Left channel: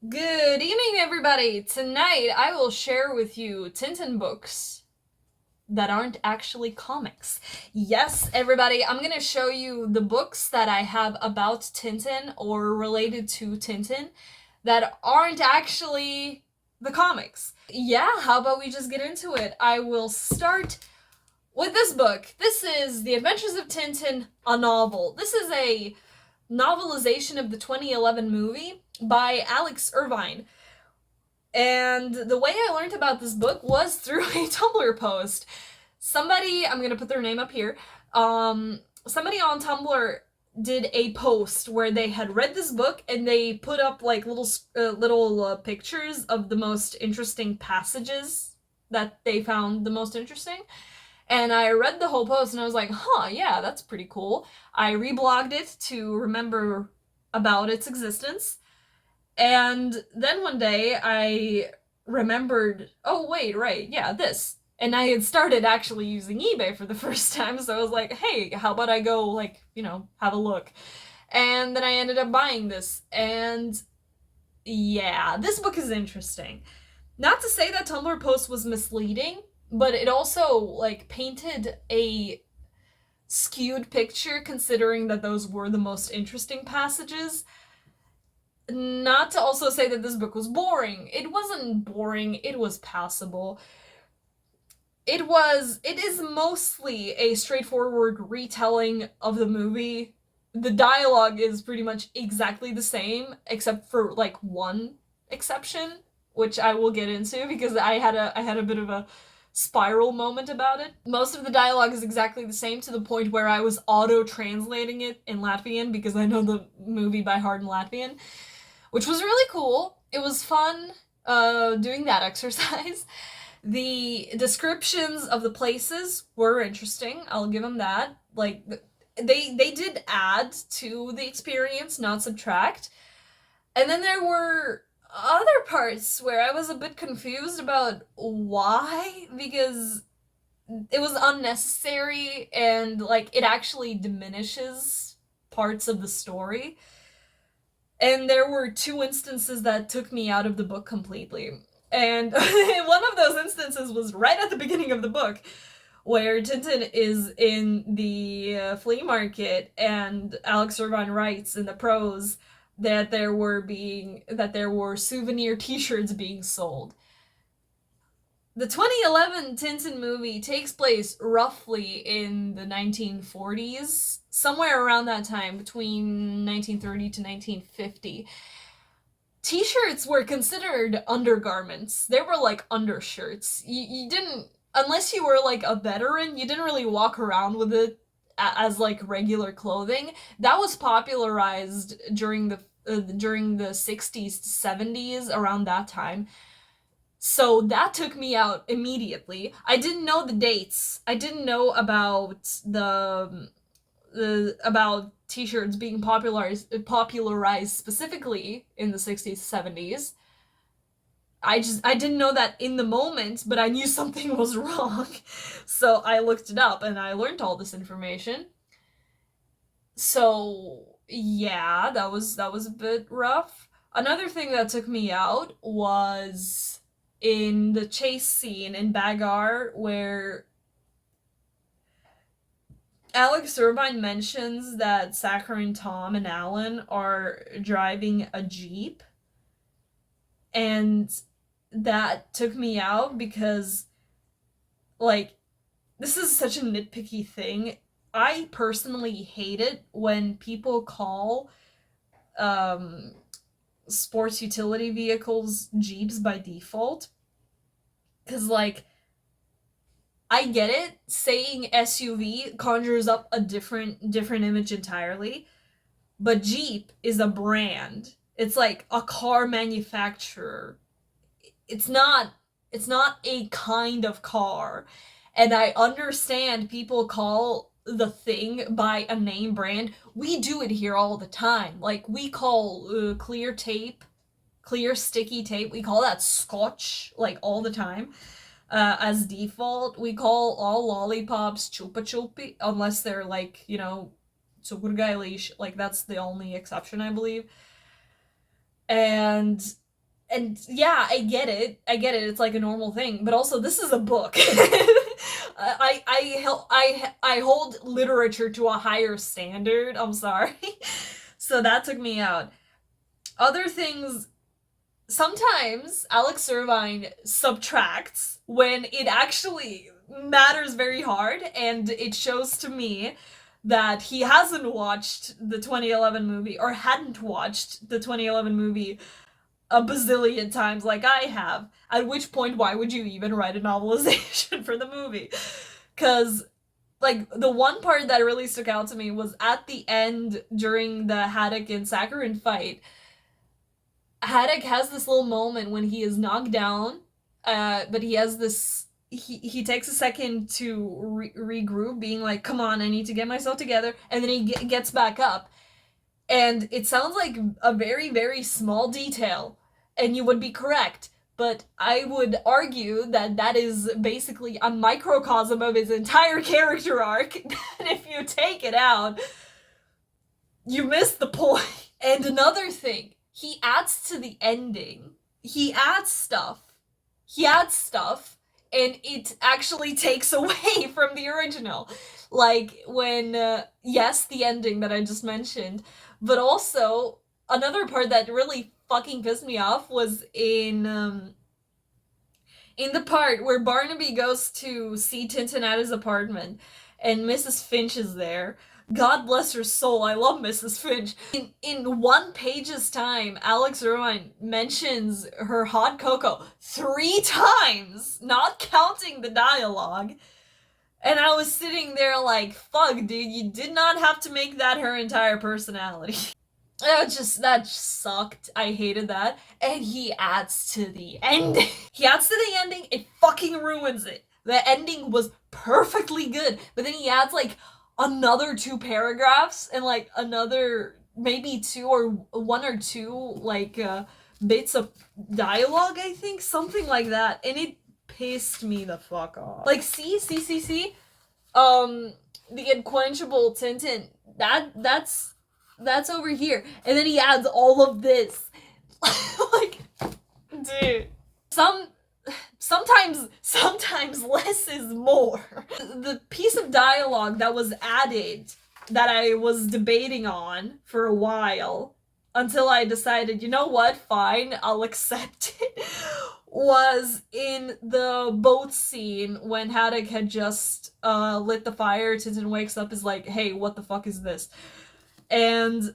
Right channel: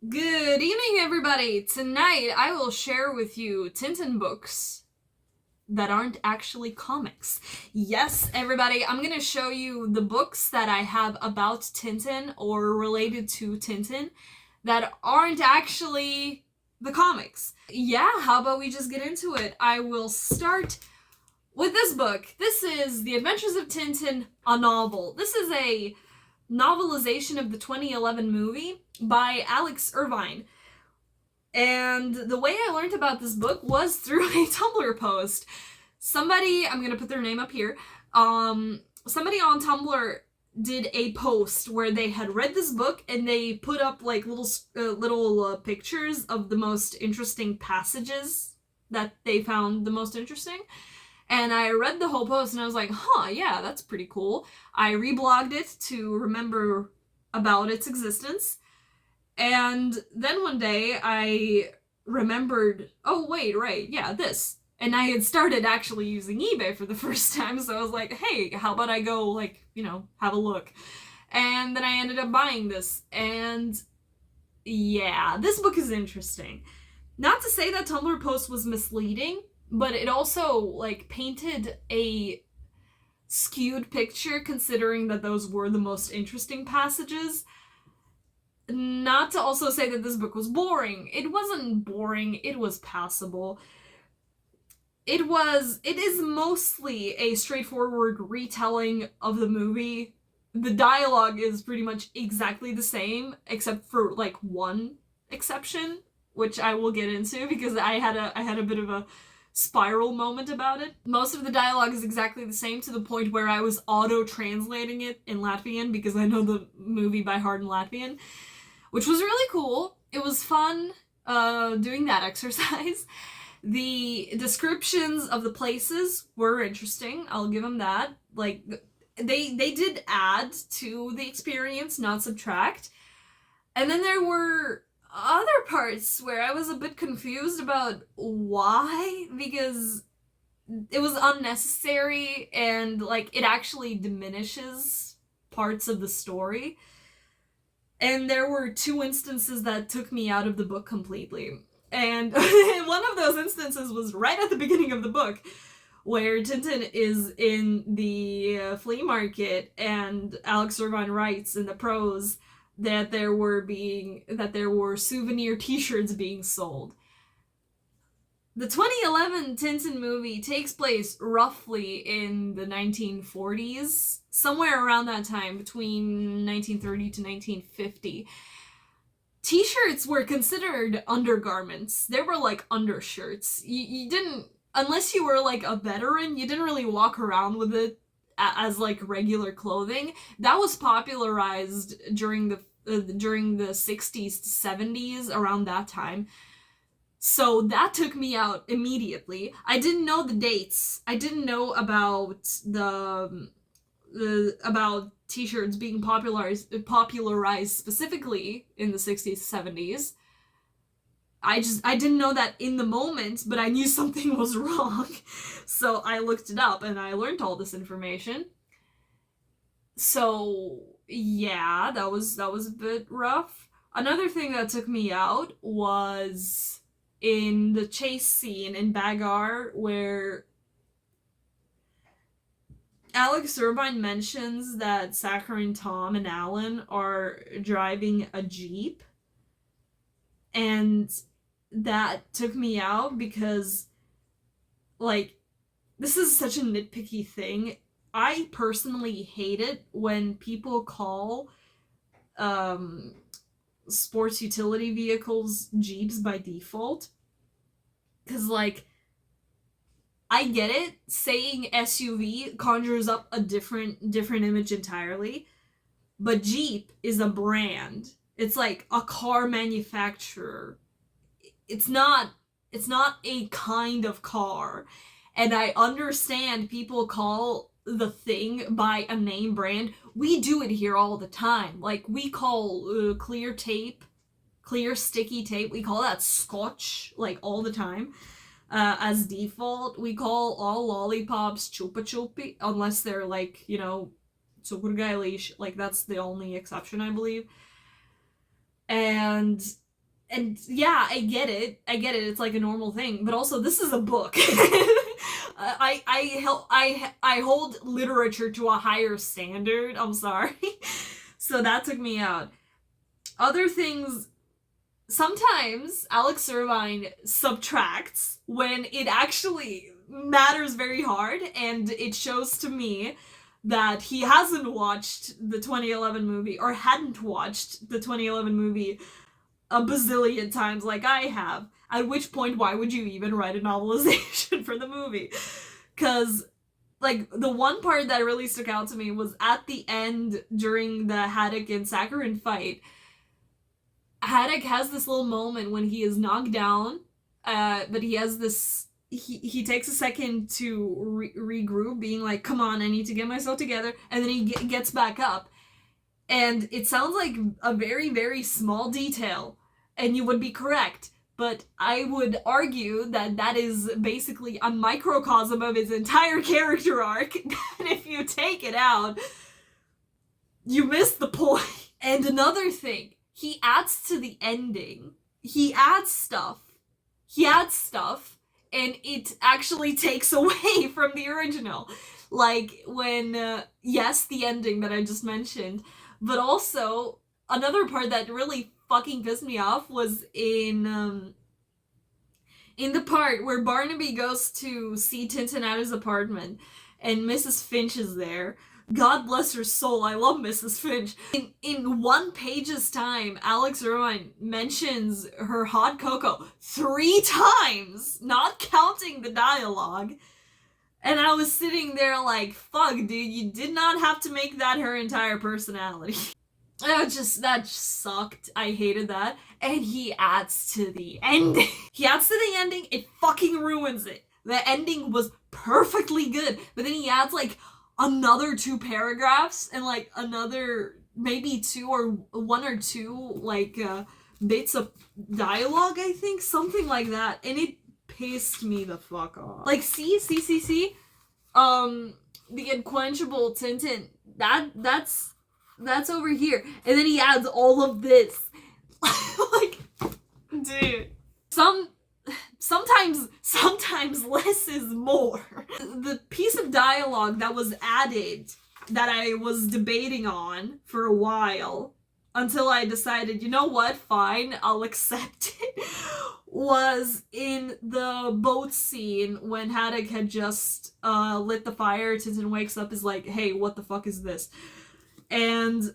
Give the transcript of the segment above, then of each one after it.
Good evening, everybody! Tonight I will share with you Tintin books that aren't actually comics. Yes, everybody, I'm gonna show you the books that I have about Tintin or related to Tintin that aren't actually the comics. Yeah, how about we just get into it? I will start with this book. This is The Adventures of Tintin, a novel. This is a novelization of the 2011 movie by Alex Irvine. And the way I learned about this book was through a Tumblr post. Somebody, I'm gonna put their name up here, somebody on Tumblr did a post where they had read this book and they put up like little pictures of the most interesting passages that they found the most interesting. And I read the whole post and I was like, huh, yeah, that's pretty cool. I reblogged it to remember about its existence. And then one day I remembered, oh, wait, right, yeah, this. And I had started actually using eBay for the first time, so I was like, hey, how about I go, like, have a look. And then I ended up buying this. And yeah, this book is interesting. Not to say that Tumblr post was misleading, but it also, like, painted a skewed picture considering that those were the most interesting passages. Not to also say that this book was boring. It wasn't boring, it was passable. It is mostly a straightforward retelling of the movie. The dialogue is pretty much exactly the same, except for like one exception, which I will get into because I had a bit of a spiral moment about it. Most of the dialogue is exactly the same to the point where I was auto-translating it in Latvian because I know the movie by heart in Latvian, which was really cool. It was fun doing that exercise. The descriptions of the places were interesting. I'll give them that. Like they did add to the experience, not subtract. And then there were other parts where I was a bit confused about why, because it was unnecessary and like it actually diminishes parts of the story. And there were two instances that took me out of the book completely. And one of those instances was right at the beginning of the book, where Tintin is in the flea market, and Alex Irvine writes in the prose that there were souvenir T-shirts being sold. The 2011 Tintin movie takes place roughly in the 1940s, somewhere around that time, between 1930 to 1950. T-shirts were considered undergarments. They were like undershirts. You didn't, unless you were like a veteran, you didn't really walk around with it as like regular clothing. That was popularized during the 60s to 70s, around that time. So that took me out immediately. I didn't know the dates. I didn't know about the about t-shirts being popularized specifically in the 60s 70s. I didn't know that in the moment, but I knew something was wrong. So I looked it up and I learned all this information. So yeah, that was a bit rough. Another thing that took me out was in the chase scene in Bagar, where Alex Irvine mentions that Saccharine Tom and Alan are driving a Jeep, and that took me out because, like, this is such a nitpicky thing. I personally hate it when people call um, sports utility vehicles Jeeps by default. Because, like, I get it. Saying SUV conjures up a different image entirely, but Jeep is a brand. It's like a car manufacturer. It's not it's not a kind of car. And I understand people call the thing by a name brand. We do it here all the time. Like we call clear tape, clear sticky tape. We call that scotch like all the time. As default, we call all lollipops chupa chupi unless they're like, cukurgailish. Like that's the only exception, I believe. And And yeah, I get it. It's like a normal thing, but also this is a book. I hold literature to a higher standard. I'm sorry. So that took me out. Other things, sometimes Alex Irvine subtracts when it actually matters very hard, and it shows to me that he hasn't watched the 2011 movie, or hadn't watched the 2011 movie a bazillion times like I have. At which point, why would you even write a novelization for the movie? Because, like, the one part that really stuck out to me was at the end during the Haddock and Saccharin fight. Haddock has this little moment when he is knocked down, but he has this. He takes a second to regroup, being like, "Come on, I need to get myself together," and then he gets back up. And it sounds like a very, very small detail, and you would be correct. But I would argue that that is basically a microcosm of his entire character arc. And if you take it out, you miss the point. And another thing, he adds to the ending. He adds stuff, and it actually takes away from the original. Like when, yes, the ending that I just mentioned, but also another part that really fucking pissed me off was in the part where Barnaby goes to see Tintin at his apartment, and Mrs. Finch is there. God bless her soul, I love Mrs. Finch. In 1 page's time, Alex Irvine mentions her hot cocoa 3 times, not counting the dialogue. And I was sitting there like, fuck, dude, you did not have to make that her entire personality. That just sucked. I hated that. And he adds to the ending. It fucking ruins it. The ending was perfectly good, but then he adds like another 2 paragraphs and like another maybe 2 or 1 or 2 like bits of dialogue, I think, something like that, and it pissed me the fuck off. Like, see, the unquenchable Tintin, that's over here, and then he adds all of this. Like, dude, sometimes less is more. The piece of dialogue that was added that I was debating on for a while until I decided, you know what, fine, I'll accept it, was in the boat scene when Haddock had just lit the fire. Tintin wakes up, is like, hey, what the fuck is this? And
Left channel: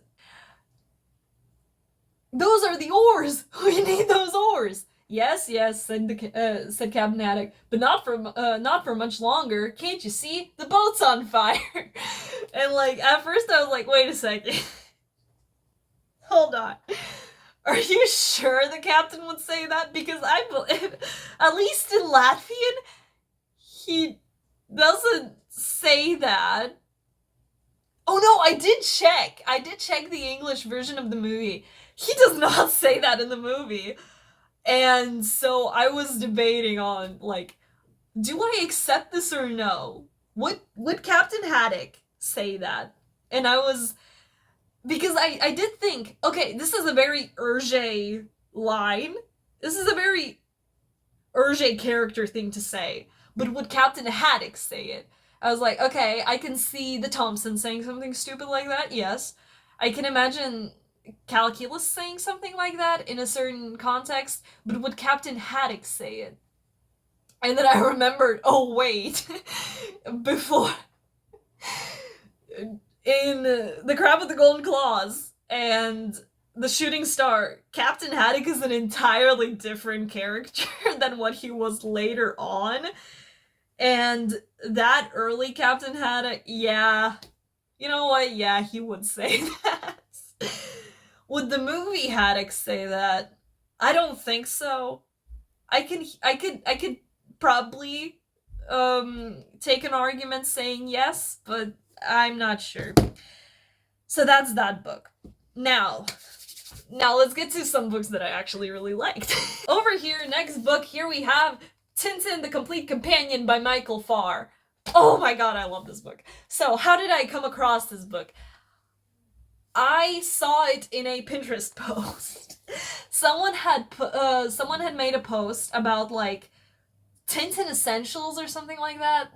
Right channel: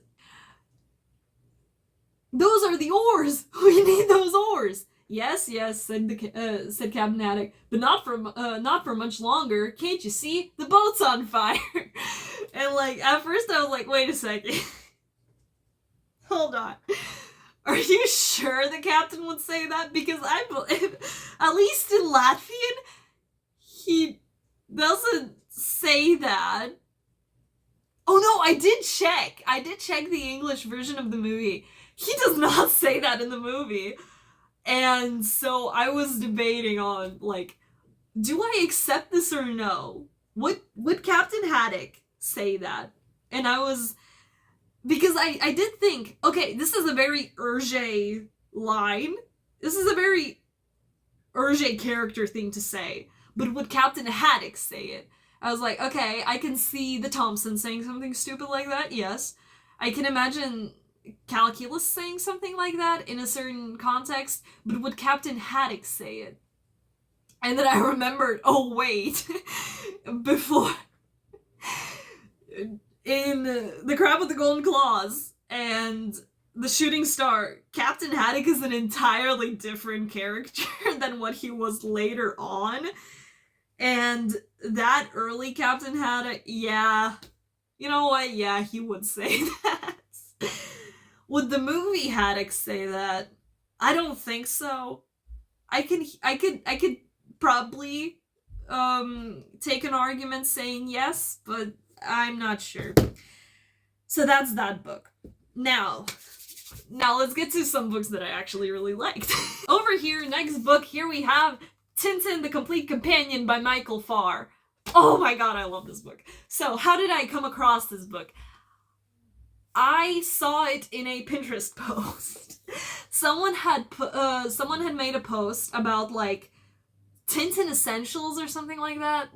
those are the oars! We need those oars! Yes, said Captain Haddock, but not for much longer. Can't you see? The boat's on fire! And like, at first I was like, wait a second. Hold on. Are you sure the captain would say that? Because I believe, at least in Latvian, he doesn't say that. Oh no, I did check the English version of the movie. He does not say that in the movie. And so I was debating on, like, do I accept this or no? Would Captain Haddock say that? And I was, because I did think, okay, this is a very Hergé line. This is a very Hergé character thing to say. But would Captain Haddock say it? I was like, okay, I can see the Thompson saying something stupid like that, yes. I can imagine Calculus saying something like that in a certain context, but would Captain Haddock say it? And then I remembered, oh wait, before, in The Crab with the Golden Claws and The Shooting Star, Captain Haddock is an entirely different character than what he was later on. And that early Captain Haddock, yeah, you know what, yeah, he would say that. Would the movie Haddock say that? I don't think so. I could probably take an argument saying yes, but I'm not sure. So that's that book. Now let's get to some books that I actually really liked. Over here, next book, here we have Tintin the Complete Companion by Michael Farr. Oh my god, I love this book. So how did I come across this book? I saw it in a Pinterest post. Someone had made a post about like Tintin Essentials or something like that.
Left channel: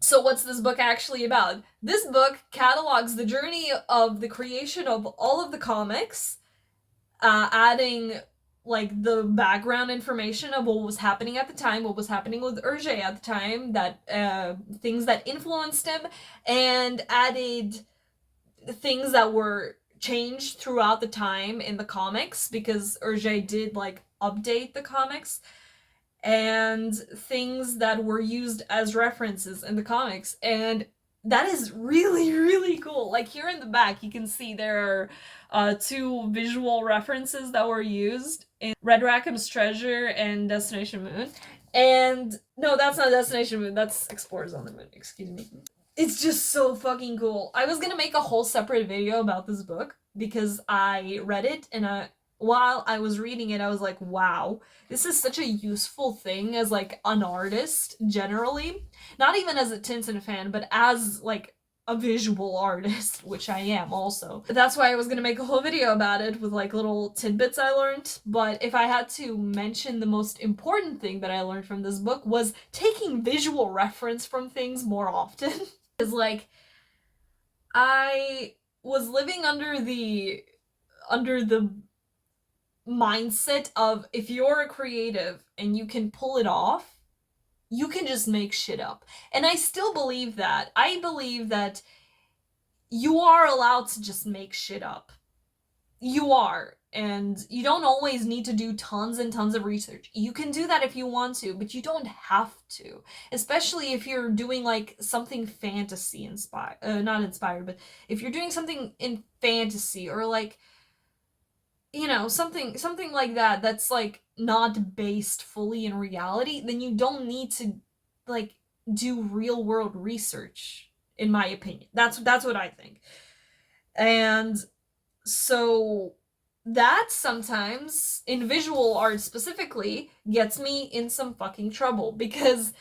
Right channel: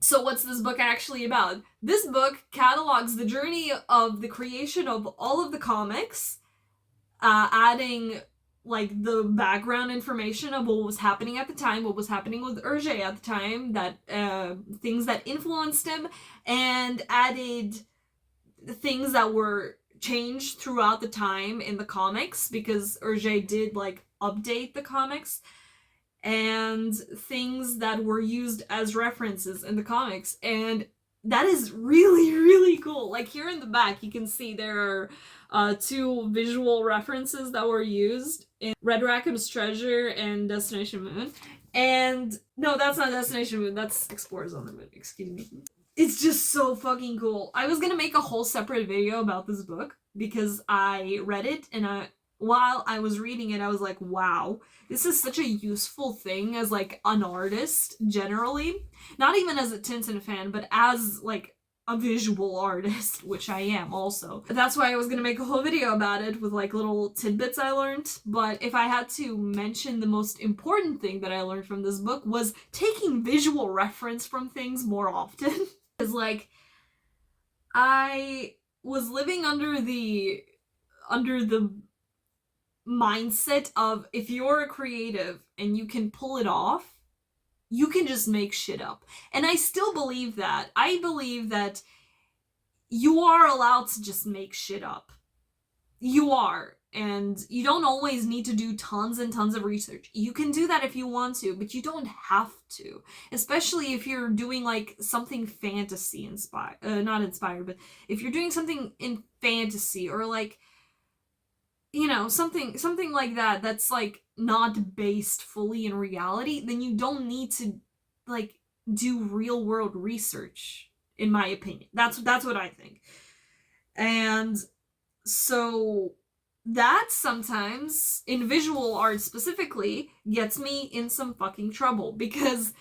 So what's this book actually about? This book catalogs the journey of the creation of all of the comics, adding like the background information of what was happening at the time, what was happening with Hergé at the time, that things that influenced him, and added things that were changed throughout the time in the comics, because Hergé did like update the comics, and things that were used as references in the comics. And that is really, really cool. Like here in the back, you can see there are two visual references that were used in Red Rackham's Treasure and Destination Moon. And no, that's not Destination Moon, that's Explorers on the Moon, excuse me. It's just so fucking cool. I was gonna make a whole separate video about this book because I read it, and while I was reading it, I was like, wow, this is such a useful thing as like an artist generally. Not even as a Tintin fan, but as like a visual artist, which I am also. That's why I was gonna make a whole video about it with like little tidbits I learned. But if I had to mention the most important thing that I learned from this book was taking visual reference from things more often. Is like, I was living under the mindset of, if you're a creative and you can pull it off, you can just make shit up. And I still believe that. I believe that you are allowed to just make shit up. You are. And you don't always need to do tons and tons of research. You can do that if you want to, but you don't have to. Especially if you're doing like something fantasy inspired, not inspired, but if you're doing something in fantasy, or like, you know, something like that that's like not based fully in reality, then you don't need to like do real world research, in my opinion. That's what I think. And so that sometimes, in visual art specifically, gets me in some fucking trouble. Because,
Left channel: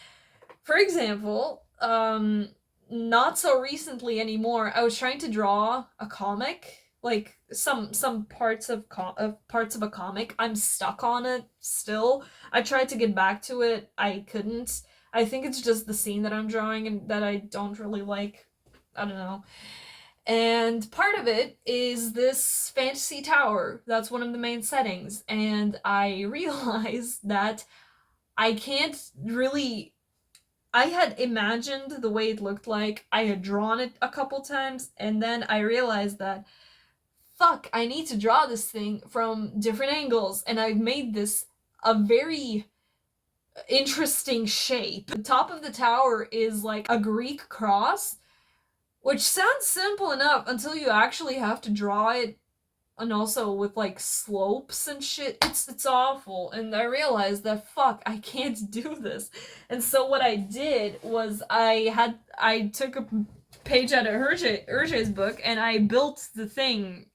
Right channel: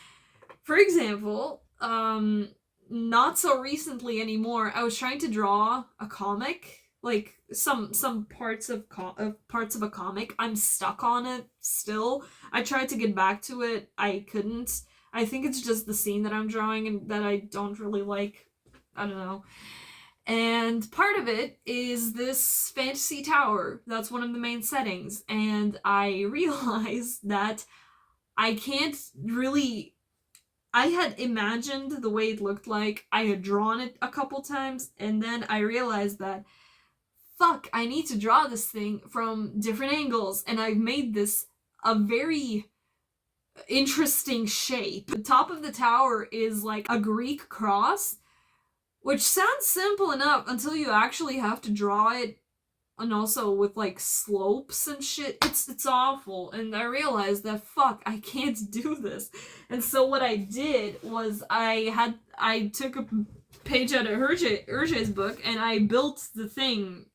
for example, not so recently anymore, I was trying to draw a comic, like some parts of a comic. I'm stuck on it still. I tried to get back to it, I couldn't. I think it's just the scene that I'm drawing and that I don't really like. I don't know. And part of it is this fantasy tower. That's one of the main settings. And I realized that I can't really. I had imagined the way it looked like. I had drawn it a couple times. And then I realized that, fuck, I need to draw this thing from different angles. And I've made this a very interesting shape. The top of the tower is like a Greek cross, which sounds simple enough until you actually have to draw it, and also with like slopes and shit. It's awful. And I realized that, fuck, I can't do this. And so what I did was I took a page out of Hergé's book, and I built the thing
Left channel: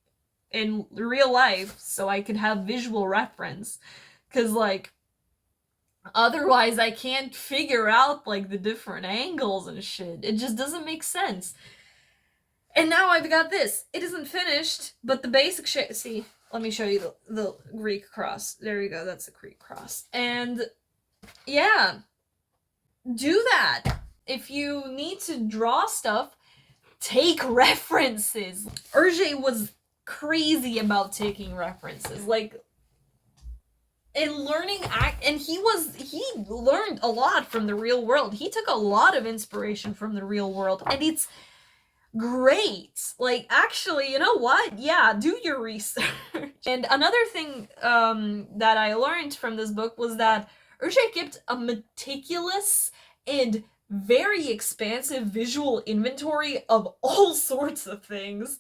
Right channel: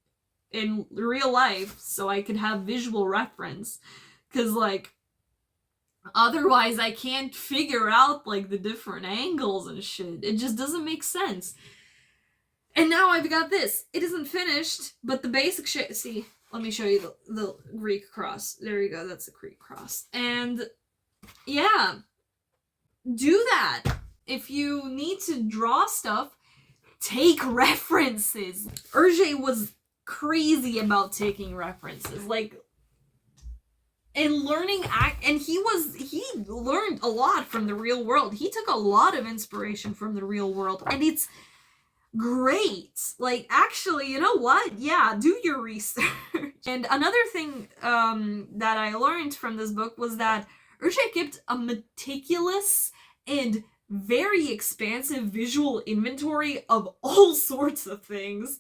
in real life so I could have visual reference. Cause like, otherwise I can't figure out like the different angles and shit. It just doesn't make sense. And now I've got this. It isn't finished, but the basic shit. See, let me show you the Greek cross. There you go, that's the Greek cross. And yeah, do that. If you need to draw stuff, take references. Hergé was crazy about taking references. Like, and learning and he learned a lot from the real world. He took a lot of inspiration from the real world, and it's great. Like, actually, you know what? Yeah, do your research. And another thing that I learned from this book was that Hergé kept a meticulous and very expansive visual inventory of all sorts of things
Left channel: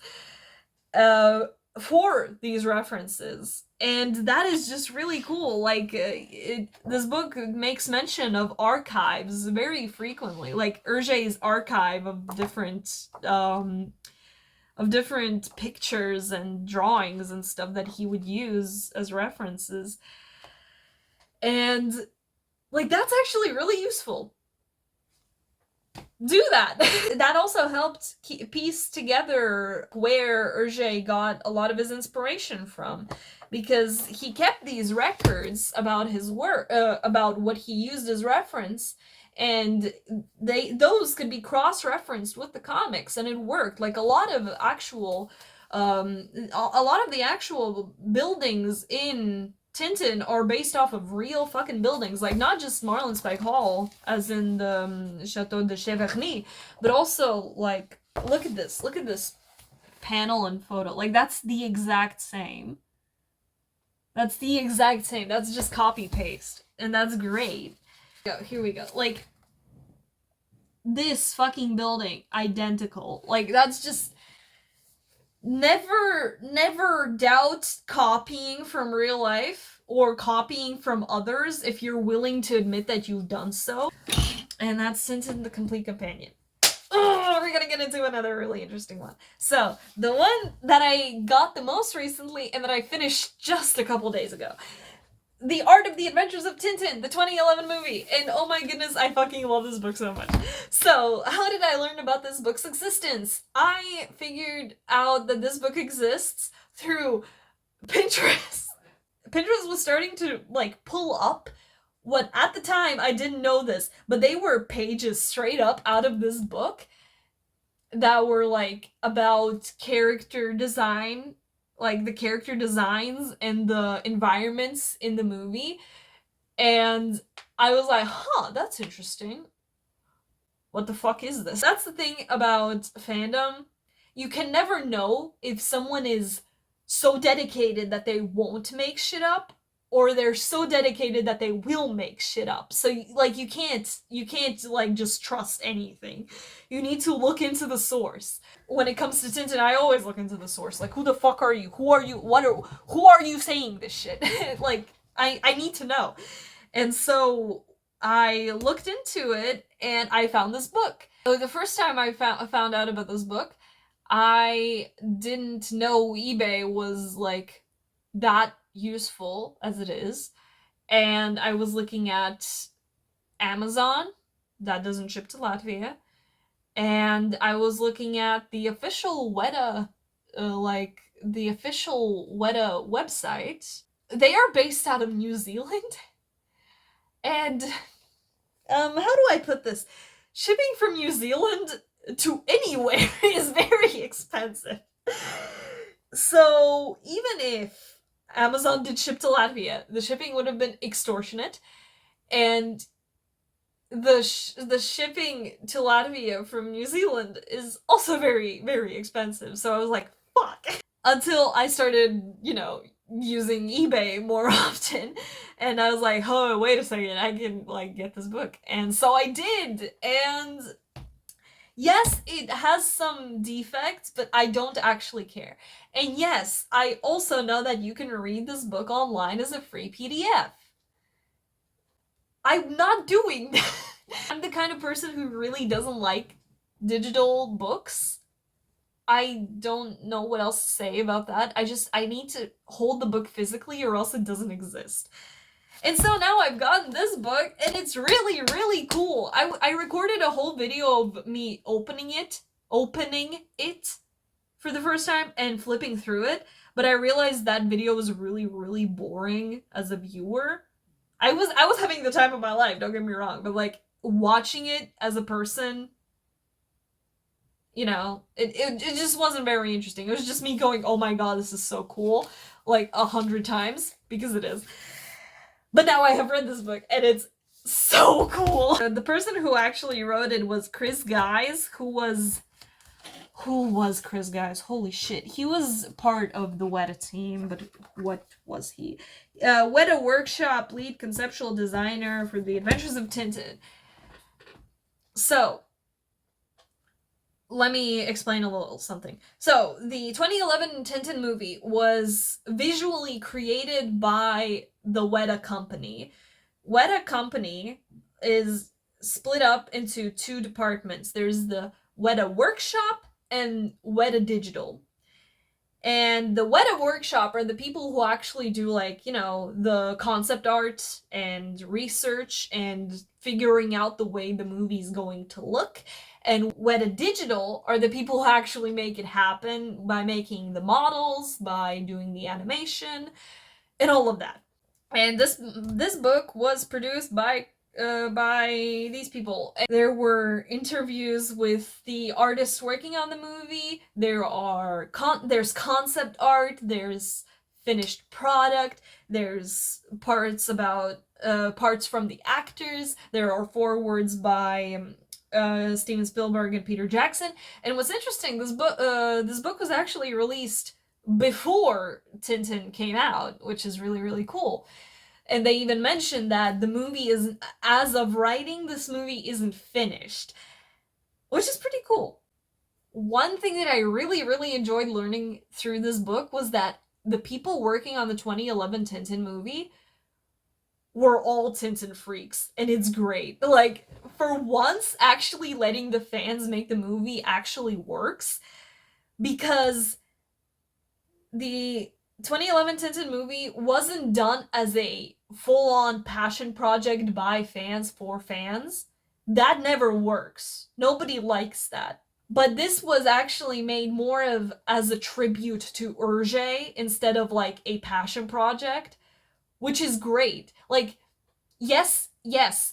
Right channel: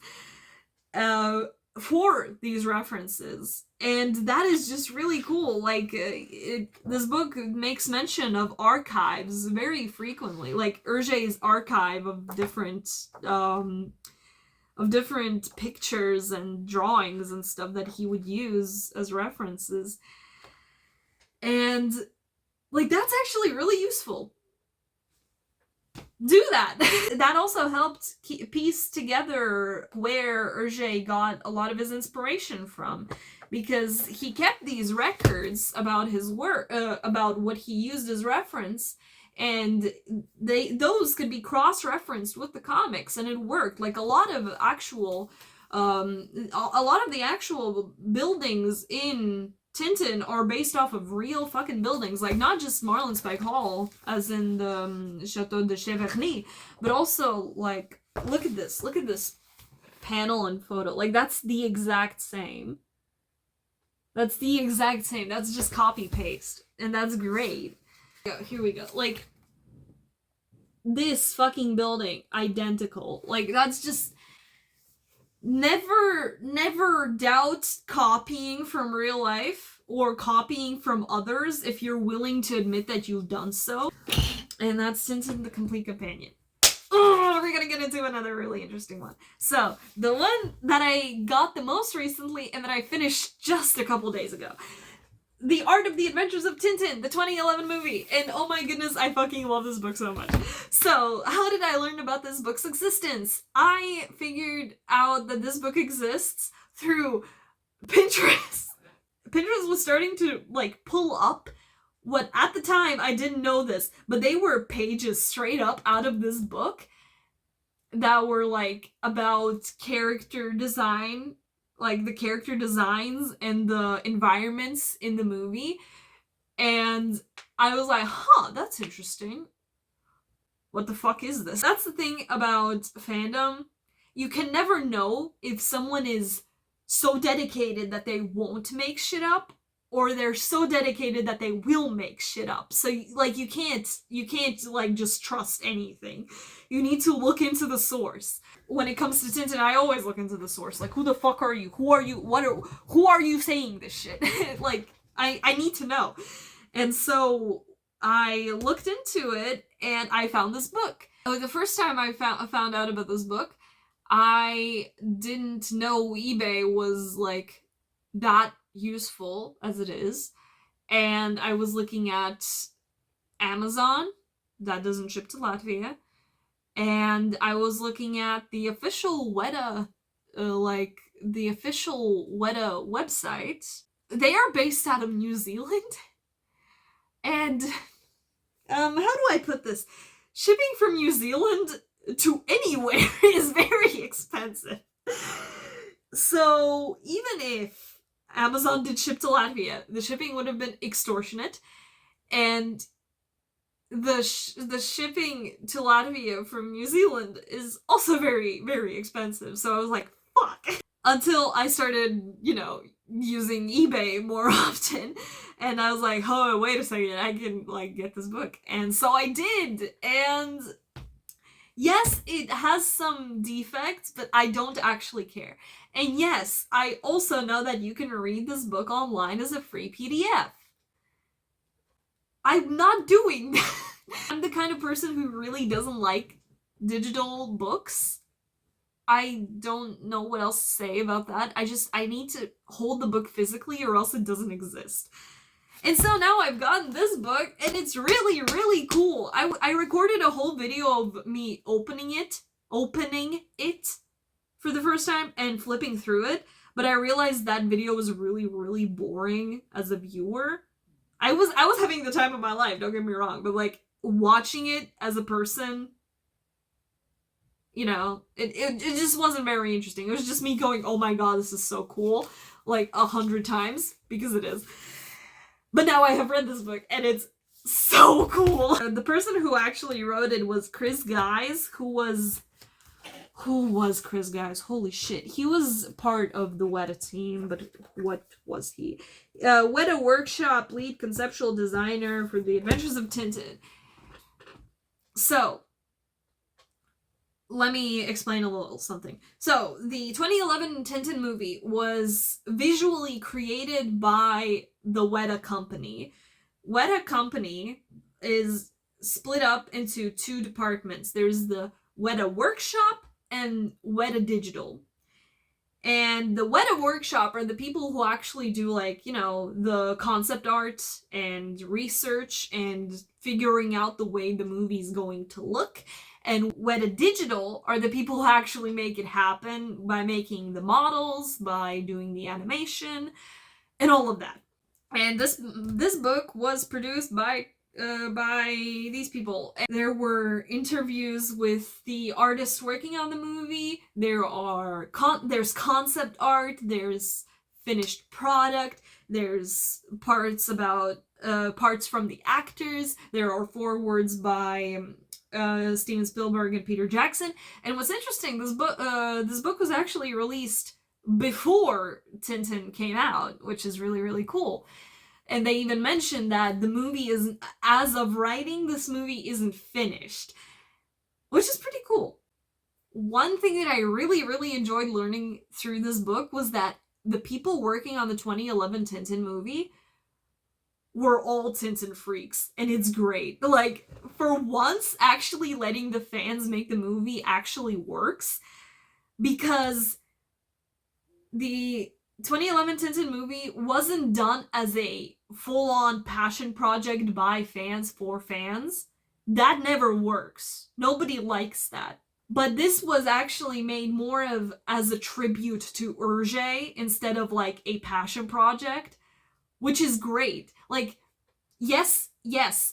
for these references. And that is just really cool. Like, this book makes mention of archives very frequently, like Hergé's archive of different pictures and drawings and stuff that he would use as references. And like, that's actually really useful. do that. That also helped piece together where Hergé got a lot of his inspiration from, because he kept these records about his work, about what he used as reference, and those could be cross-referenced with the comics, and it worked. Like a lot of the actual buildings in Tintin are based off of real fucking buildings, like not just Marlinspike Hall, as in the Chateau de Cheverny, but also like look at this panel and photo. Like that's the exact same. That's the exact same. That's just copy paste, and that's great. Here we go. Like this fucking building, identical. Like that's just. Never doubt copying from real life or copying from others if you're willing to admit that you've done so. And that's Tintin the Complete Companion. Oh, we're gonna get into another really interesting one. So, the one that I got the most recently and that I finished just a couple days ago. The Art of the Adventures of Tintin, the 2011 movie. And oh my goodness, I fucking love this book so much. So, how did I learn about this book's existence? I figured out that this book exists through Pinterest. Pinterest was starting to, like, pull up what, at the time, I didn't know this, but they were pages straight up out of this book that were, like, about character design, like the character designs and the environments in the movie. And I was like, huh, that's interesting. What the fuck is this? That's the thing about fandom. You can never know if someone is so dedicated that they won't make shit up, or they're so dedicated that they will make shit up. So like you can't like just trust anything. You need to look into the source. When it comes to Tintin, I always look into the source. Like, who the fuck are you? Who are you saying this shit? Like, I need to know. And so I looked into it and I found this book. So the first time I found out about this book, I didn't know eBay was like that useful as it is. And I was looking at Amazon, that doesn't ship to Latvia. And I was looking at the official Weta, the official Weta website. They are based out of New Zealand. And, how do I put this? Shipping from New Zealand to anywhere is very expensive. So, even if Amazon did ship to Latvia, the shipping would have been extortionate. And the shipping to Latvia from New Zealand is also very, very expensive. So I was like, fuck. Until I started, using eBay more often. And I was like, oh, wait a second, I can, like, get this book. And so I did. And yes, it has some defects, but I don't actually care. And yes, I also know that you can read this book online as a free PDF. I'm not doing that. I'm the kind of person who really doesn't like digital books. I don't know what else to say about that. I need to hold the book physically or else it doesn't exist. And so now I've gotten this book and it's really, really cool. I recorded a whole video of me opening it for the first time and flipping through it, but I realized that video was really, really boring as a viewer. I was having the time of my life, don't get me wrong, but like watching it as a person, it just wasn't very interesting. It was just me going, oh my god, this is so cool, like 100 times, because it is. But now I have read this book and it's so cool. The person who actually wrote it was Chris Guise, who was Chris Guise? Holy shit. He was part of the Weta team, but what was he? Weta Workshop lead conceptual designer for The Adventures of Tintin. So, let me explain a little something. So, the 2011 Tintin movie was visually created by the Weta Company. Weta Company is split up into two departments. There's the Weta Workshop and Weta Digital. And the Weta workshop are the people who actually do, like, the concept art and research and figuring out the way the movie's going to look. And Weta Digital are the people who actually make it happen by making the models, by doing the animation, and all of that. And this book was produced by these people. There were interviews with the artists working on the movie. There's concept art. There's finished product. There's parts about parts from the actors. There are forewords by Steven Spielberg and Peter Jackson. And what's interesting, this book was actually released before Tintin came out, which is really, really cool. And they even mentioned that the movie isn't, as of writing, this movie isn't finished, which is pretty cool. One thing that I really, really enjoyed learning through this book was that the people working on the 2011 Tintin movie were all Tintin freaks, and it's great. Like, for once, actually letting the fans make the movie actually works, because the 2011 Tintin movie wasn't done as a full-on passion project by fans for fans. That never works. Nobody likes that. But this was actually made more of as a tribute to Hergé instead of like a passion project, which is great. Like, yes,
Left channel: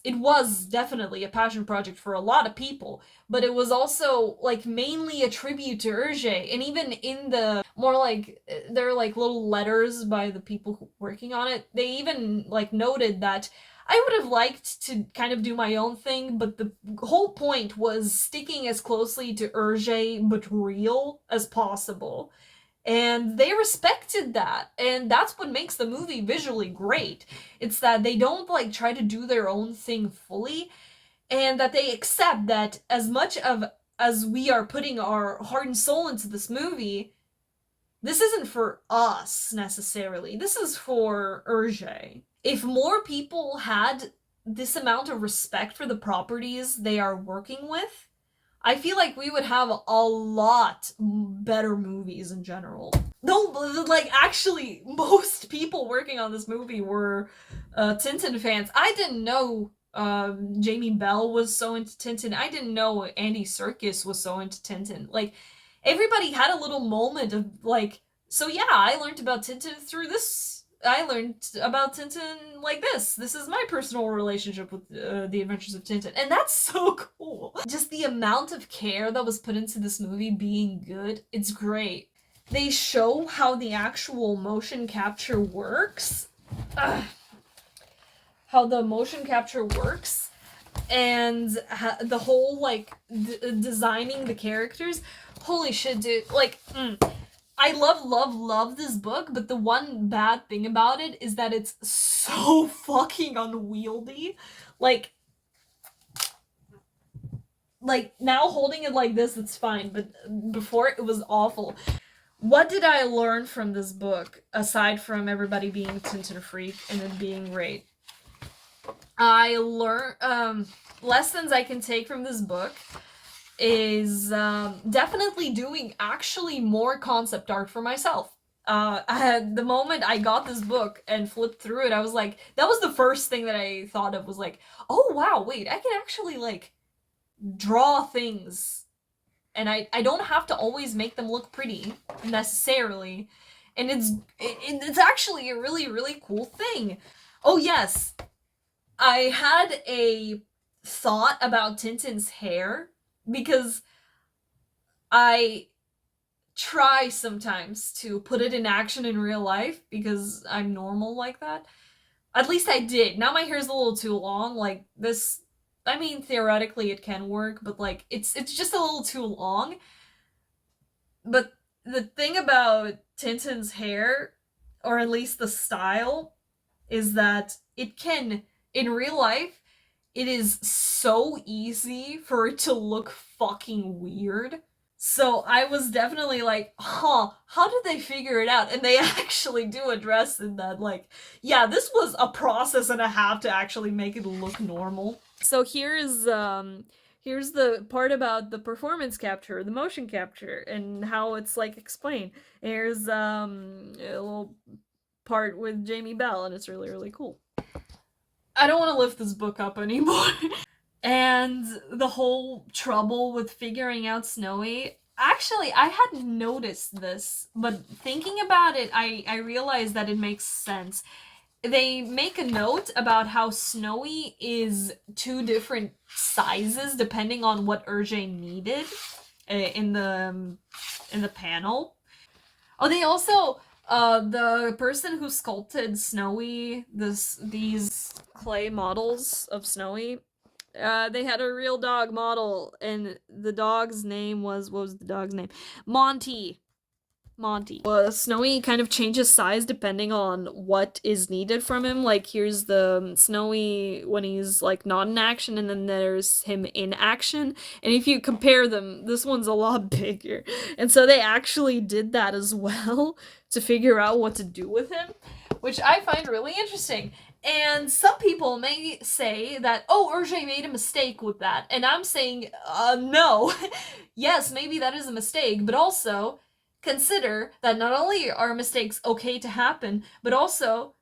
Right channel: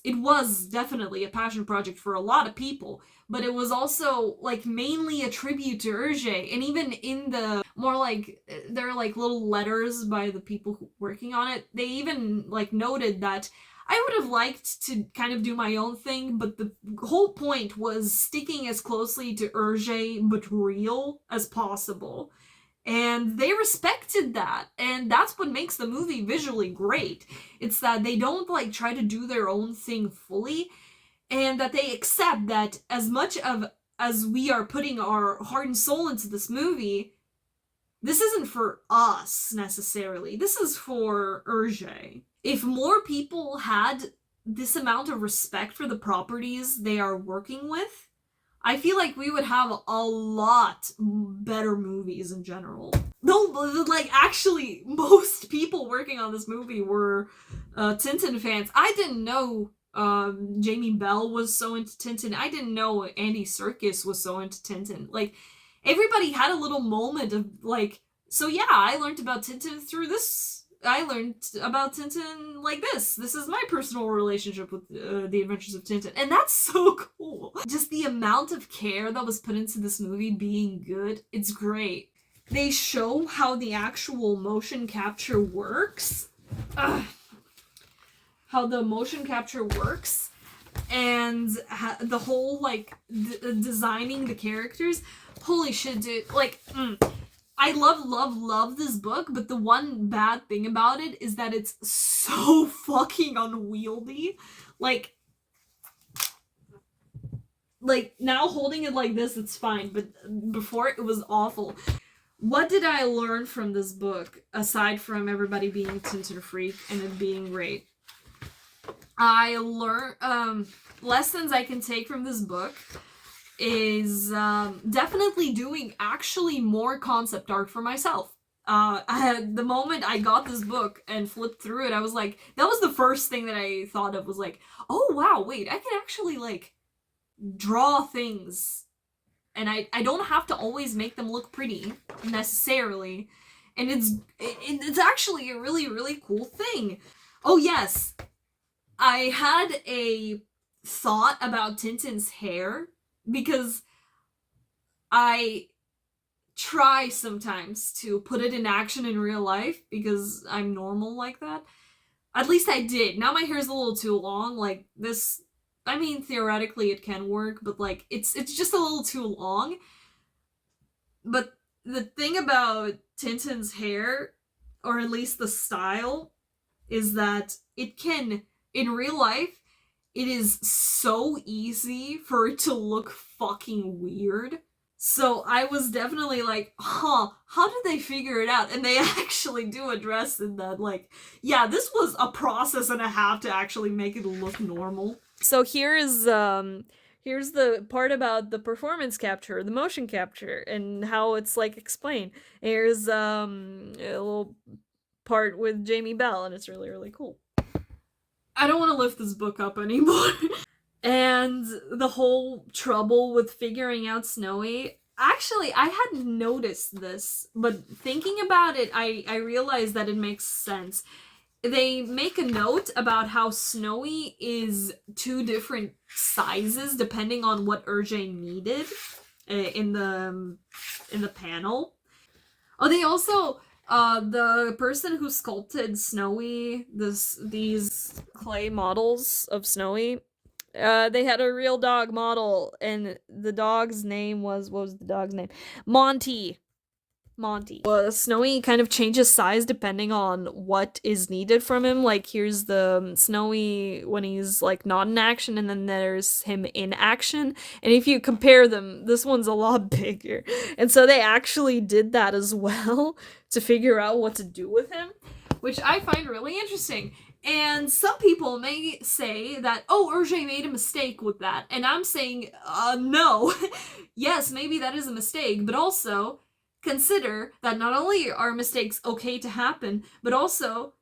it was definitely a passion project for a lot of people, but it was also like mainly a tribute to Hergé. And even in the more like, there are like little letters by the people working on it, they even like noted that I would have liked to kind of do my own thing, but the whole point was sticking as closely to Hergé but real as possible. And they respected that, and that's what makes the movie visually great. It's that they don't like try to do their own thing fully, and that they accept that as much of as we are putting our heart and soul into this movie, this isn't for us necessarily. This is for Hergé. If more people had this amount of respect for the properties they are working with, I feel like we would have a lot better movies in general. No, like, actually, most people working on this movie were Tintin fans. I didn't know Jamie Bell was so into Tintin. I didn't know Andy Serkis was so into Tintin. Like, everybody had a little moment of, like, so yeah, I learned about Tintin through this. I learned about Tintin like this. This is my personal relationship with The Adventures of Tintin. And that's so cool. Just the amount of care that was put into this movie being good, it's great. They show how the actual motion capture works. How the motion capture works. And the whole, like, designing the characters. Holy shit, dude. Like, I love this book, but the one bad thing about it is that it's so fucking unwieldy. Like, now holding it like this, it's fine, but before it was awful. What did I learn from this book, aside from everybody being Tintin freak and it being great? I learned, lessons I can take from this book is definitely doing actually more concept art for myself. The moment I got this book and flipped through it, I was like, that was the first thing that I thought of, was like, oh wow, wait, I can actually like draw things, and I don't have to always make them look pretty necessarily, and it's actually a really, really cool thing. Oh yes, I had a thought about Tintin's hair, because I try sometimes to put it in action in real life because I'm normal like that. At least I did. Now my hair's a little too long. Like, this, I mean, theoretically it can work, but like, it's just a little too long. But the thing about Tintin's hair, or at least the style, is that it can, in real life, it is so easy for it to look fucking weird. So I was definitely like, how did they figure it out? And they actually do address in that, like, yeah, this was a process and a half to actually make it look normal. So here's the part about the performance capture, the motion capture, and how it's like explained. Here's a little part with Jamie Bell, and it's really, really cool. I don't want to lift this book up anymore. And the whole trouble with figuring out Snowy. Actually, I hadn't noticed this, but thinking about it, I realized that it makes sense. They make a note about how Snowy is two different sizes depending on what Urge needed in the panel. Oh, they also the person who sculpted Snowy, these clay models of Snowy, they had a real dog model, and the dog's name was, what was the dog's name? Monty. Monty. Snowy kind of changes size depending on what is needed from him. Like, here's the Snowy when he's like not in action, and then there's him in action. And if you compare them, this one's a lot bigger. And so they actually did that as well to figure out what to do with him, which I find really interesting. And some people may say that, oh, Urge made a mistake with that. And I'm saying, no. Yes, maybe that is a mistake, but also consider that not only are mistakes okay to happen, but also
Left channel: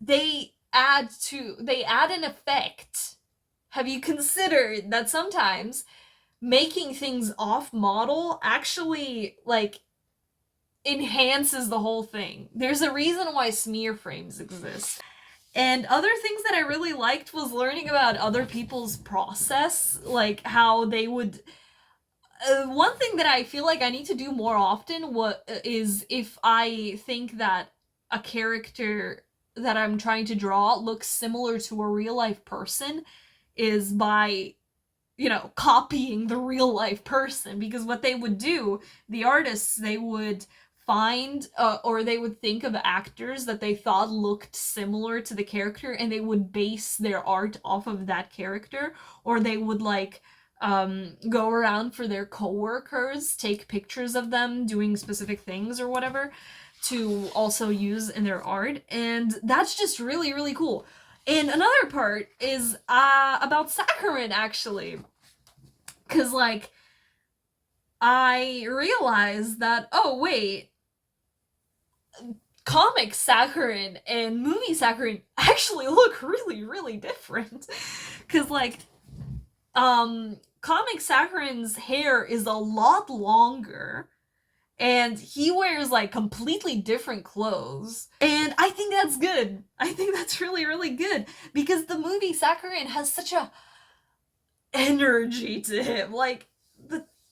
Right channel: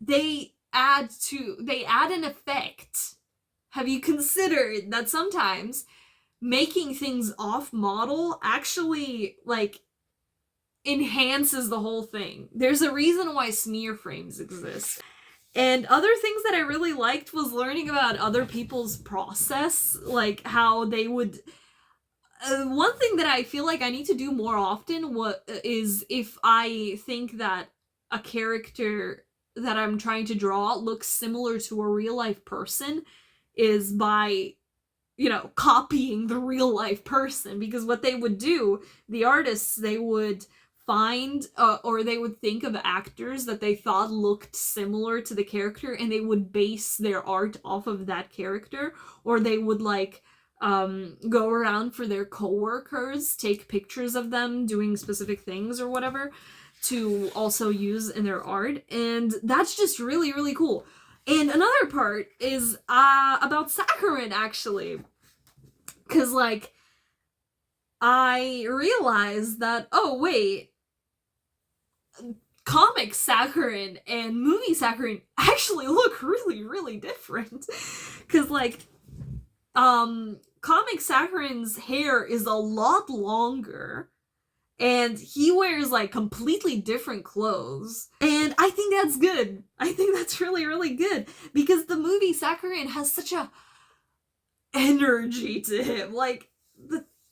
they add an effect. Have you considered that sometimes making things off model actually like enhances the whole thing? There's a reason why smear frames exist. And other things that I really liked was learning about other people's process, like how they would. One thing that I feel like I need to do more often is if I think that a character that I'm trying to draw looks similar to a real life person, is by, copying the real life person. Because what they would do, the artists, they would find or they would think of actors that they thought looked similar to the character, and they would base their art off of that character, or they would go around for their coworkers, take pictures of them doing specific things or whatever to also use in their art, and that's just really, really cool. And another part is about saccharin, actually, because I realized that, oh wait, comic saccharin and movie saccharin actually look really, really different. Because comic saccharin's hair is a lot longer, and he wears completely different clothes, and I think that's good. I think that's really, really good, because the movie saccharin has such a energy to him.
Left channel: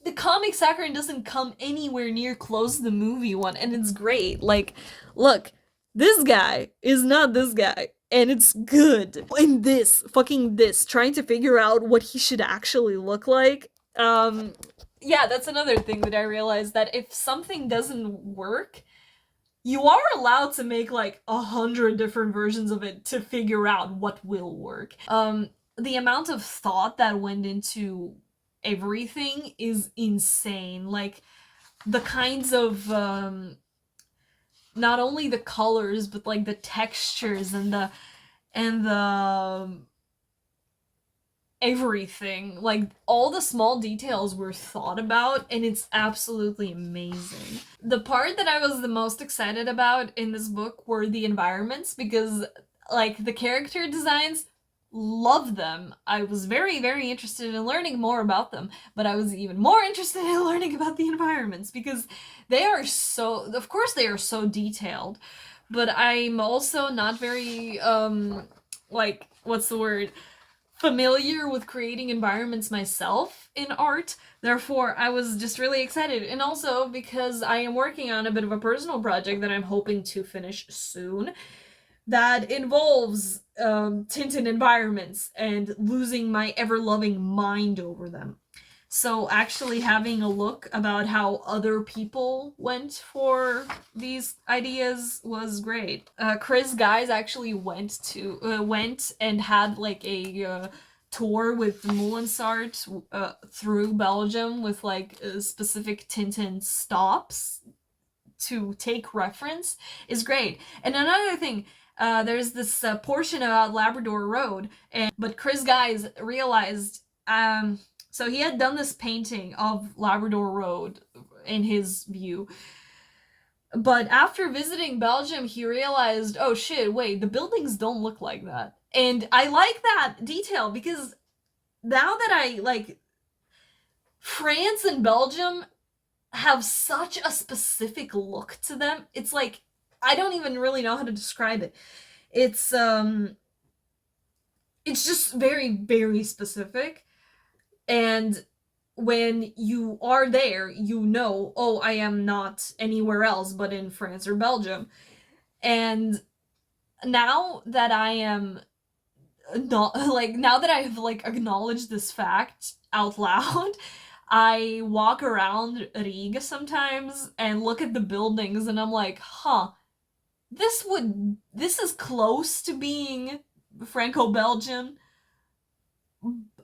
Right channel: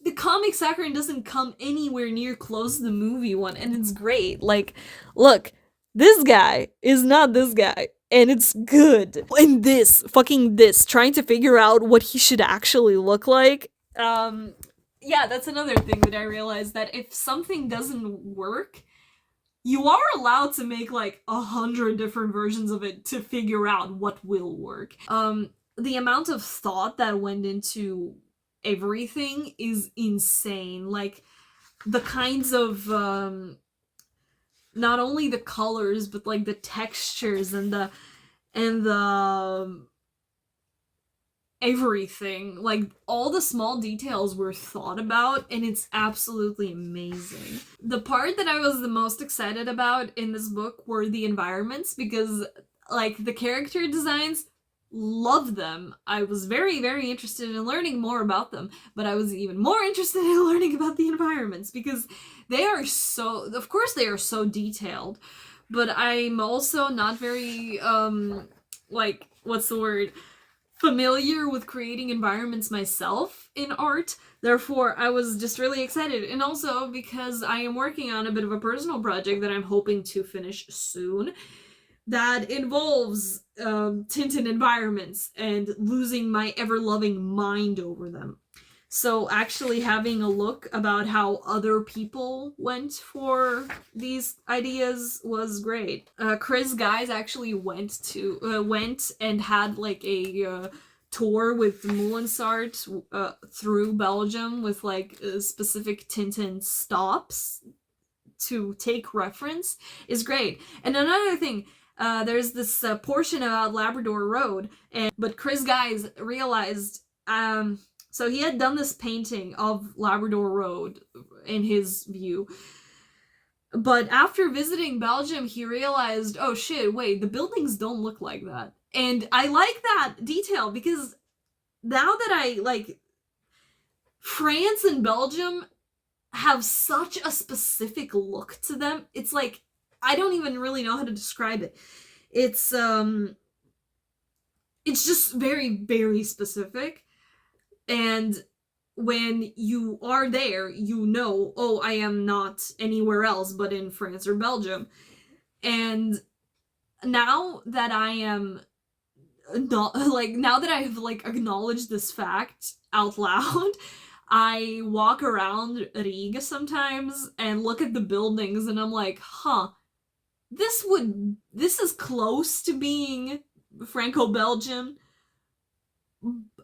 The comic saccharin doesn't come anywhere near close to the movie one, and it's great. Look, this guy is not this guy, and it's good. And this, trying to figure out what he should actually look like. Yeah, that's another thing that I realized, that if something doesn't work, you are allowed to make 100 different versions of it to figure out what will work. The amount of thought that went into everything is insane. The kinds of not only the colors, but the textures and the everything, all the small details were thought about, and it's absolutely amazing. The part that I was the most excited about in this book were the environments, because the character designs, love them. I was very, very interested in learning more about them, but I was even more interested in learning about the environments, because they are so, of course they are so detailed, but I'm also not very what's the word, familiar with creating environments myself in art. Therefore, I was just really excited. And also because I am working on a bit of a personal project that I'm hoping to finish soon, that involves Tintin environments and losing my ever-loving mind over them. So actually having a look about how other people went for these ideas was great. Guise actually went and had a tour with Moulinsart through Belgium with specific Tintin stops to take reference, is great. And another thing, there's this portion about Labrador Road, but Guise realized so he had done this painting of Labrador Road in his view. But after visiting Belgium, he realized, oh shit, wait, the buildings don't look like that. And I like that detail because now that France and Belgium have such a specific look to them. It's like, I don't even really know how to describe it. It's just very, very specific. And when you are there, you know, oh, I am not anywhere else but in France or Belgium. And now that I am not, like, now that I've, like, acknowledged this fact out loud, I walk around Riga sometimes and look at the buildings and I'm like, huh, this is close to being Franco-Belgian,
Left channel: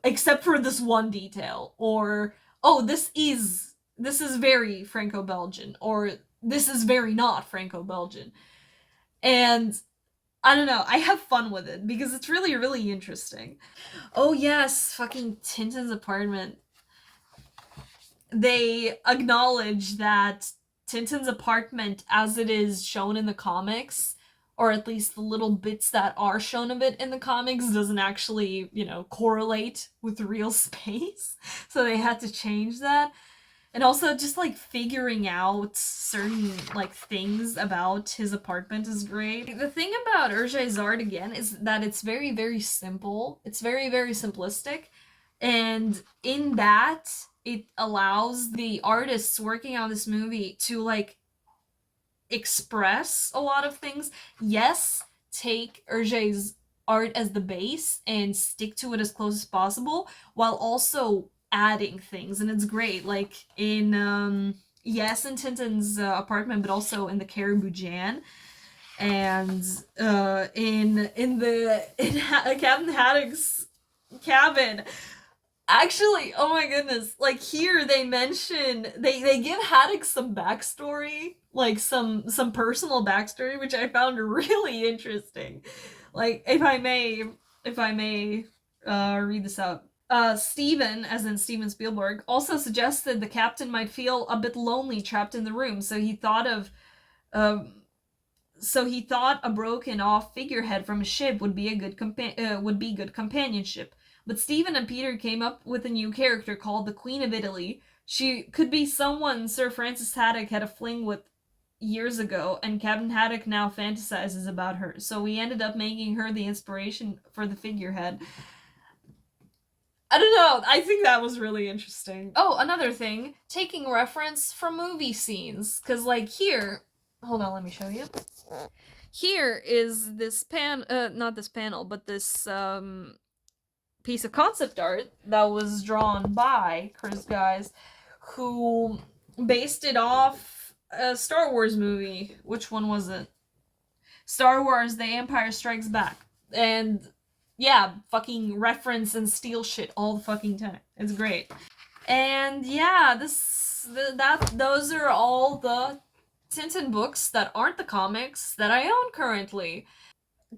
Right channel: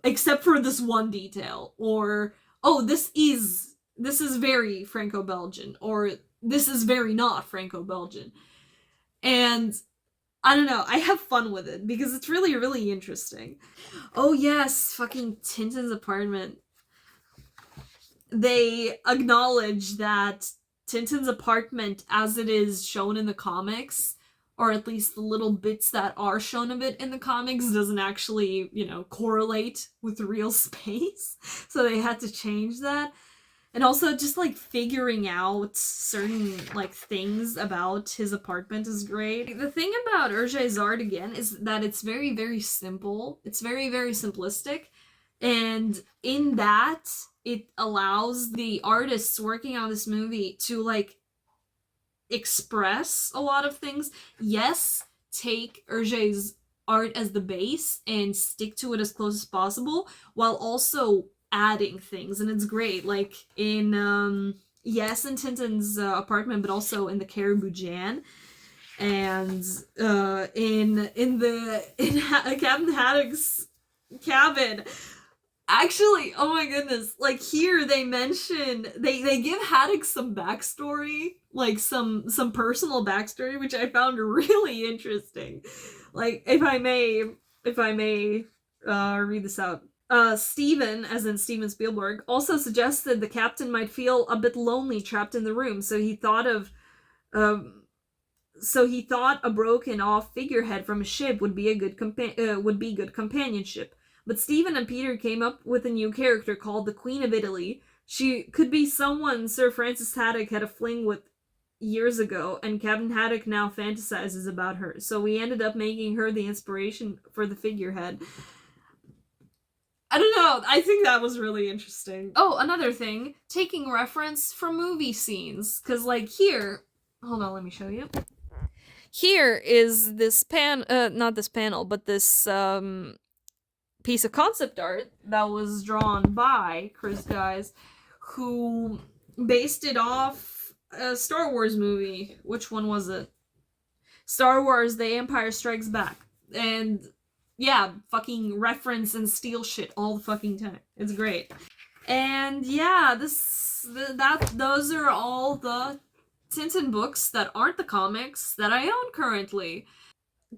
except for this one detail, or oh, this is very Franco-Belgian, or this is very not Franco-Belgian. And I don't know, I have fun with it because it's really, really interesting. Oh yes, fucking Tintin's apartment. They acknowledge that Tintin's apartment, as it is shown in the comics, or at least the little bits that are shown of it in the comics, doesn't actually, correlate with real space. So they had to change that. And also just, like, figuring out certain, like, things about his apartment is great. The thing about Hergé's art, again, is that it's very, very simple. It's very, very simplistic. And in that, it allows the artists working on this movie to, like, express a lot of things. Yes, take Hergé's art as the base and stick to it as close as possible, while also adding things, and it's great. Like in yes, in Tintin's apartment, but also in the Caribou Jan, and in Captain Haddock's cabin. Actually, oh my goodness, like here they mention they give Haddock some backstory, like some personal backstory, which I found really interesting. Like if I may read this out. Steven, as in Steven Spielberg, also suggested the captain might feel a bit lonely trapped in the room, so he thought a broken off figurehead from a ship would be good companionship. But Stephen and Peter came up with a new character called the Queen of Italy. She could be someone Sir Francis Haddock had a fling with years ago, and Captain Haddock now fantasizes about her. So we ended up making her the inspiration for the figurehead. I don't know, I think that was really interesting. Oh, another thing, taking reference from movie scenes. Because, like, here... Hold on, let me show you. Here is this not this panel, but this, piece of concept art that was drawn by Chris Guise, who based it off a Star Wars movie. Which one was it? Star Wars The Empire Strikes Back. And yeah, fucking reference and steal shit all the fucking time. It's great. And yeah, those are all the Tintin books that aren't the comics that I own currently.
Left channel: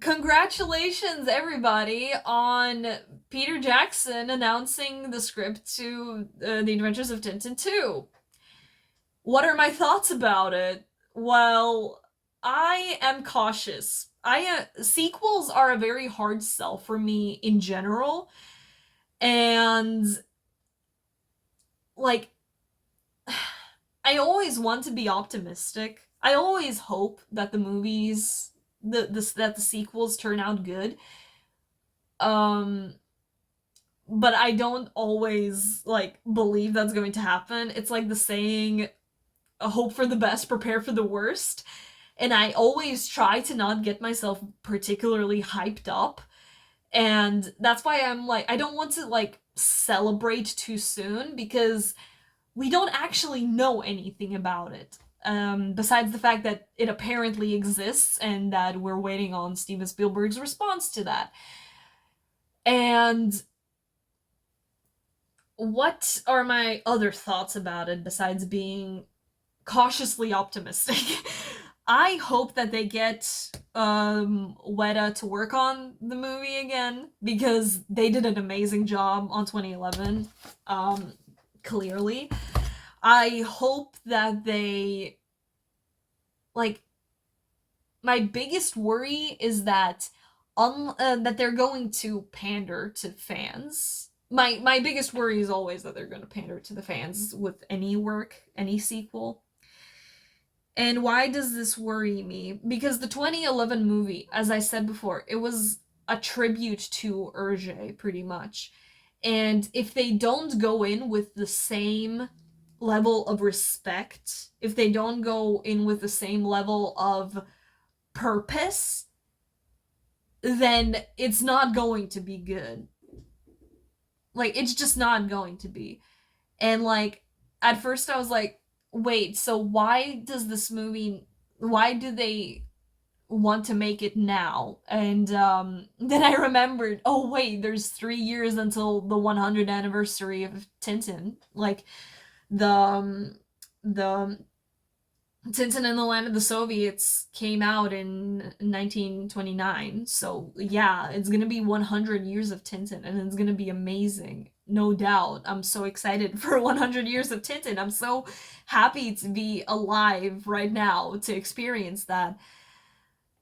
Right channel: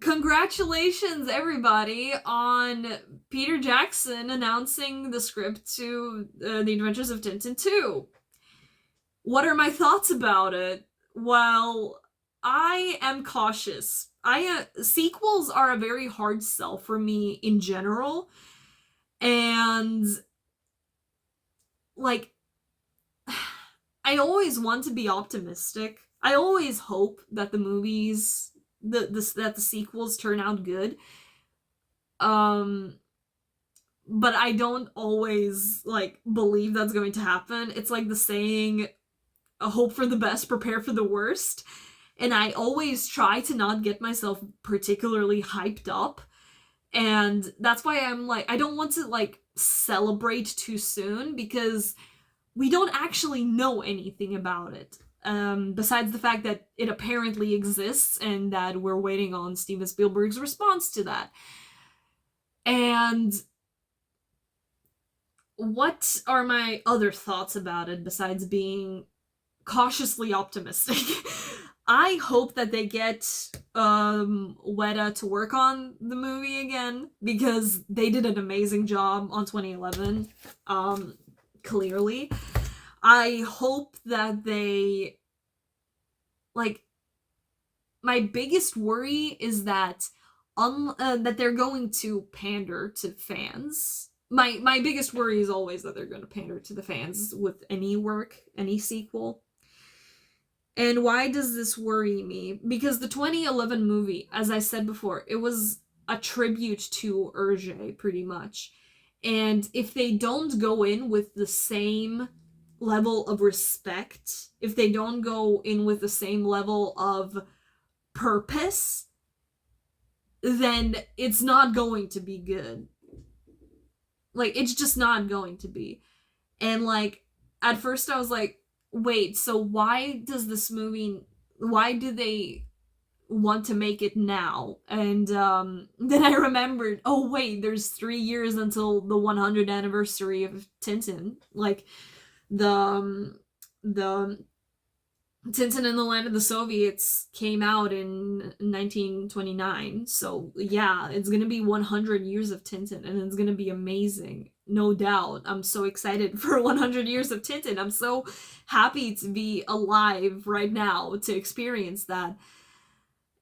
Congratulations, everybody, on Peter Jackson announcing the script to The Adventures of Tintin 2. What are my thoughts about it? Well, I am cautious. Sequels are a very hard sell for me in general, and like, I always want to be optimistic. I always hope that the movies, that the sequels turn out good. But I don't always, like, believe that's going to happen. It's like the saying, hope for the best, prepare for the worst. And I always try to not get myself particularly hyped up. And that's why I'm like, I don't want to, like, celebrate too soon, because we don't actually know anything about it. Besides the fact that it apparently exists and that we're waiting on Steven Spielberg's response to that. And what are my other thoughts about it besides being cautiously optimistic? I hope that they get Weta to work on the movie again, because they did an amazing job on 2011. Clearly, I hope that they, like, my biggest worry is that that they're going to pander to fans. My biggest worry is always that they're going to pander to the fans with any work, any sequel. And why does this worry me? Because the 2011 movie, as I said before, it was a tribute to Hergé, pretty much. And if they don't go in with the same level of respect, if they don't go in with the same level of purpose, then it's not going to be good. Like, it's just not going to be. And, like, at first I was like, wait, so why do they want to make it now? And then I remembered, oh wait, there's 3 years until the 100th anniversary of Tintin. Like, the Tintin and the Land of the Soviets came out in 1929. So yeah, it's gonna be 100 years of Tintin, and it's gonna be amazing, no doubt. I'm so excited for 100 years of Tintin. I'm so happy to be alive right now to experience that.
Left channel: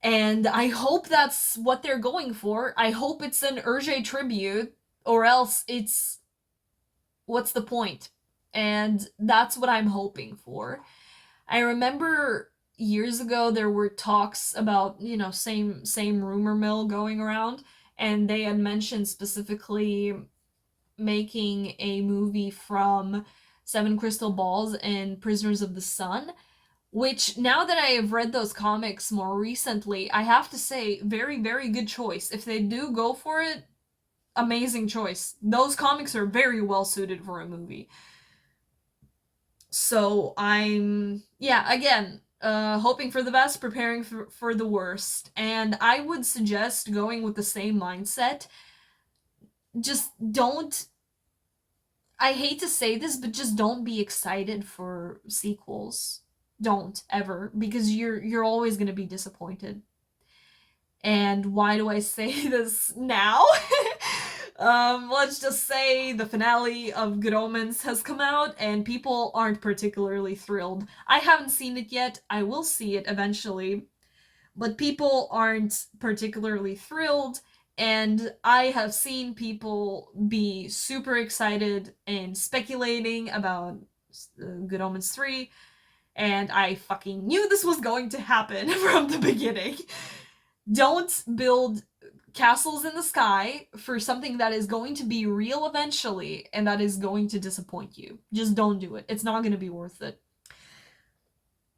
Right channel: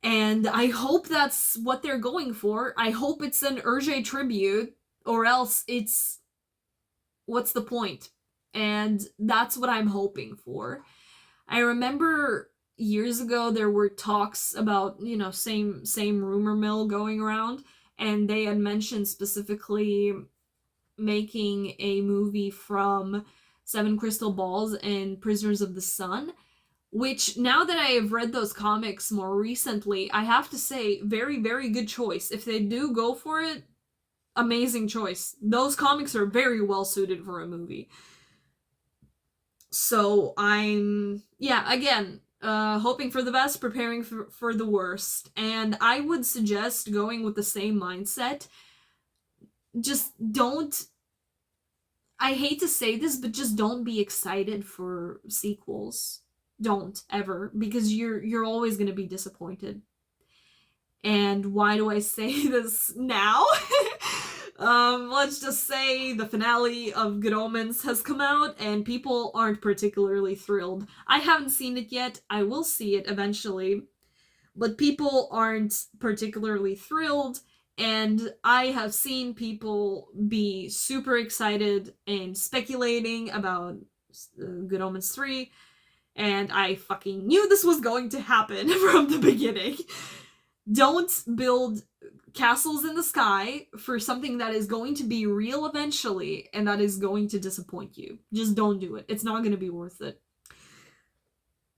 And I hope that's what they're going for. I hope it's an Hergé tribute, or else it's, what's the point? And that's what I'm hoping for. I remember years ago there were talks about, same rumor mill going around, and they had mentioned specifically making a movie from Seven Crystal Balls and Prisoners of the Sun, which, now that I have read those comics more recently, I have to say, very, very good choice. If they do go for it, amazing choice. Those comics are very well suited for a movie. So I'm, again, hoping for the best, preparing for the worst. And I would suggest going with the same mindset. Just don't, I hate to say this, but just don't be excited for sequels. Don't, ever, because you're always going to be disappointed. And why do I say this now? Let's just say the finale of Good Omens has come out, and people aren't particularly thrilled. I haven't seen it yet. I will see it eventually. But people aren't particularly thrilled, and I have seen people be super excited and speculating about Good Omens 3, and I fucking knew this was going to happen from the beginning. Don't build castles in the sky for something that is going to be real eventually, and that is going to disappoint you. Just don't do it. It's not going to be worth it.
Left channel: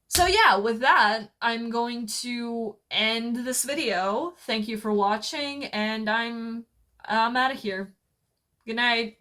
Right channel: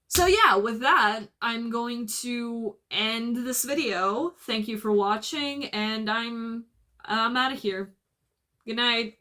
So yeah, with that, I'm going to end this video. Thank you for watching, and I'm out of here. Good night.